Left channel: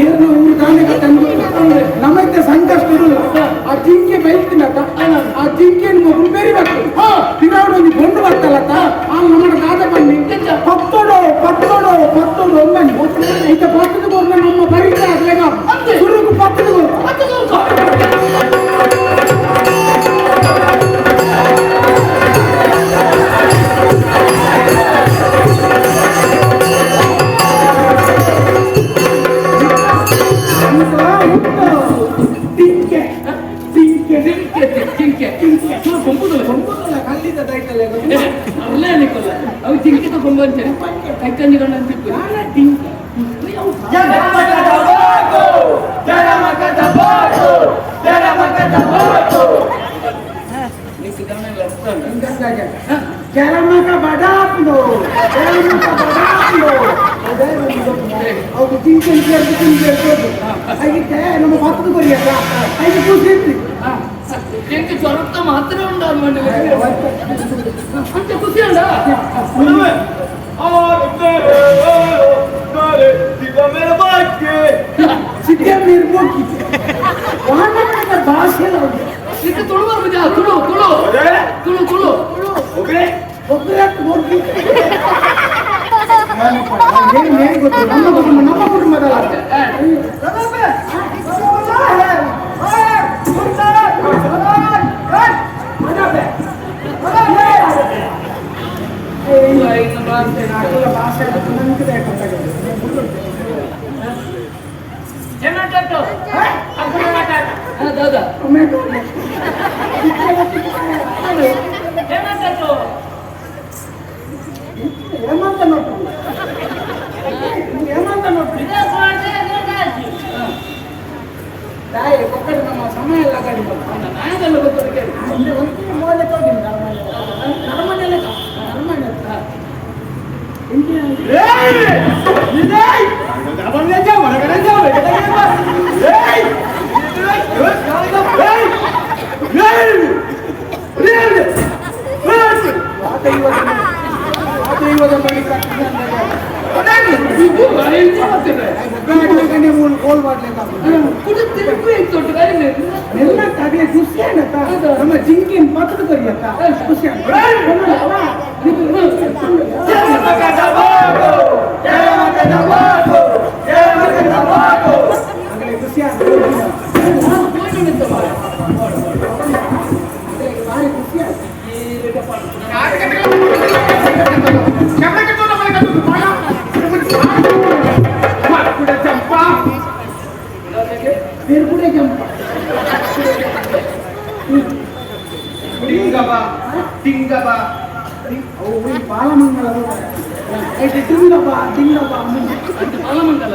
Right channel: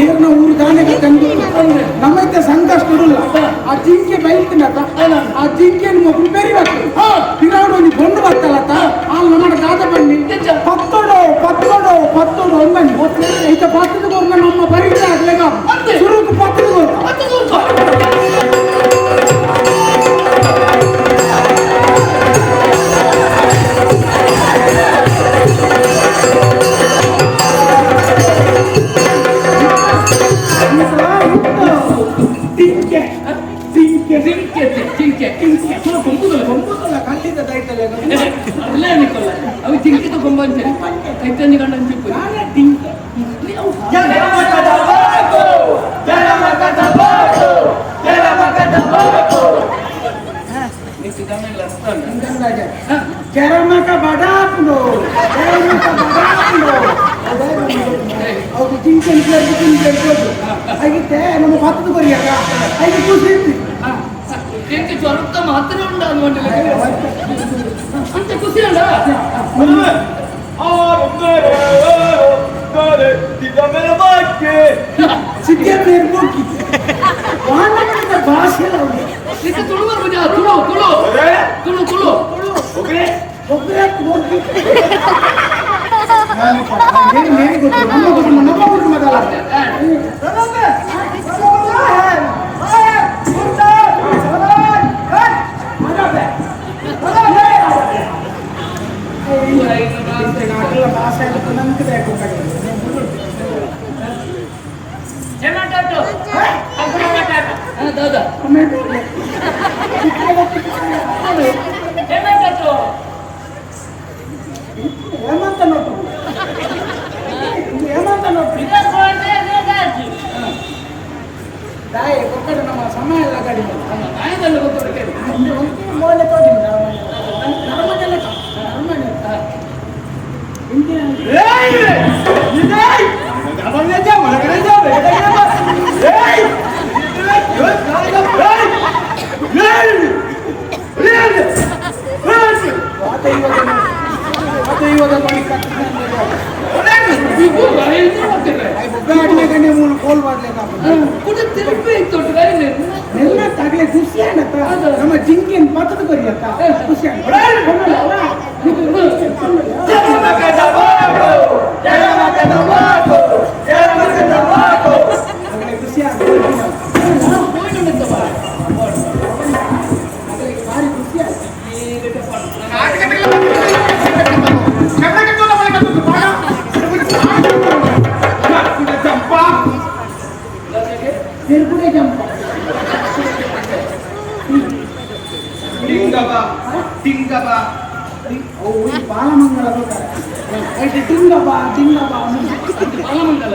ಏರ್ನ ಊರು ದಾನೆಗೆ ತಂದು ನಮ್ಮೈತೆ ಸಂಕಷ್ಟ ಇಡಲ್ಲ ಆ ಜಿಂಕೆ ಬೈಲ್ತಿನತ್ತ ಆ ಜಿಂಕೆಯನ್ನು ಮಗು ಬೆರಿಬೇಕು ತಿರಾವಡು ಒಂದು ಗೊಂಡು ಬರ್ತಲ್ಲತ್ತ ಆ ನಮ್ಮ ದಾದ ಬನ್ನಿ ಪತ್ತೋಡು ಪತ್ತೋಡು ಪತ್ತೋಡು ಒಂದು ಬನ್ನಿ ಐತೆ ಪತ್ತದ ಗೋರ್ನ ನಮ್ಮ ಬರೀತ ಆಗ್ಲೇಗ ಸುರುಕು ಪತ್ತದ ಗೋರ್ನ ಕಲ್ಲಿದ್ದ ದೈತಲ್ಲ ಅಲ್ಲೇ ಅನಿಕೊಲ್ಲ ಅವು ಜಿಂಕಿತ ಕೊಂಬ ಅಂತಾರೆ ಕೈಕಂಜಿ ಗಂಡ ಅಂತ ಟಿಂಕೆ ಕೆರಮಕ ಬಡಾಪುಡು ಕೆರಮಕ ಬಡಾಪುಡು ಹೌದು ಜಿಂಕೆ ಹಾಗಿತ್ತೆ ನಮ್ಮ ಪತ್ತದ ಕೊರಿಯಾಕ ಐದು ಖುಷಿ ಇರ್ತಿ ಜ್ವರತ್ತ ಮಾತ್ರ ಉಂಟು ಅಂತ ಖುಷಿ ಉಂಟ ಭಾಷೆ ಎಲ್ಲ ಉಂಟು ಇದಕ್ಕೆ ತುಳು ಬರ್ಬೋದು ತುಳು ತುಳು ತುಳು ತುಳು ಒಬ್ಬರೇ ಗೊತ್ತು ನಮ್ಮ ಕುಟುಂಬದಲ್ಲ ಭಾಷೆ ನನಗೆ ದಾದಾ ಟೊಮೆಟೊ ಹೇಮಂತ ನೋಟು ಹೇಮಂತ ನೋಟು ದಾಯ ಕೊಕ್ಕಡೆ ನಮ್ಮ ಸಮಯ ಎಲ್ಲ ಗಾಡಿ ನಾಯದಲ್ಲ ಗೊತ್ತು ಕೇಳಿ ಒಂದು ಮೌಲ್ಯ ತೊಗೊಂಡಿನಿ ನರಮನೆಲ್ಲ ನರಮನೆ ನಮ್ಮ ಜಿಂಕಿನ ಪತ್ತದ ಕೊರಿಯತ್ತ ಖುಷಿ ಬಾಲಮಂಗಲ ಬಾಲಮಂಗಲ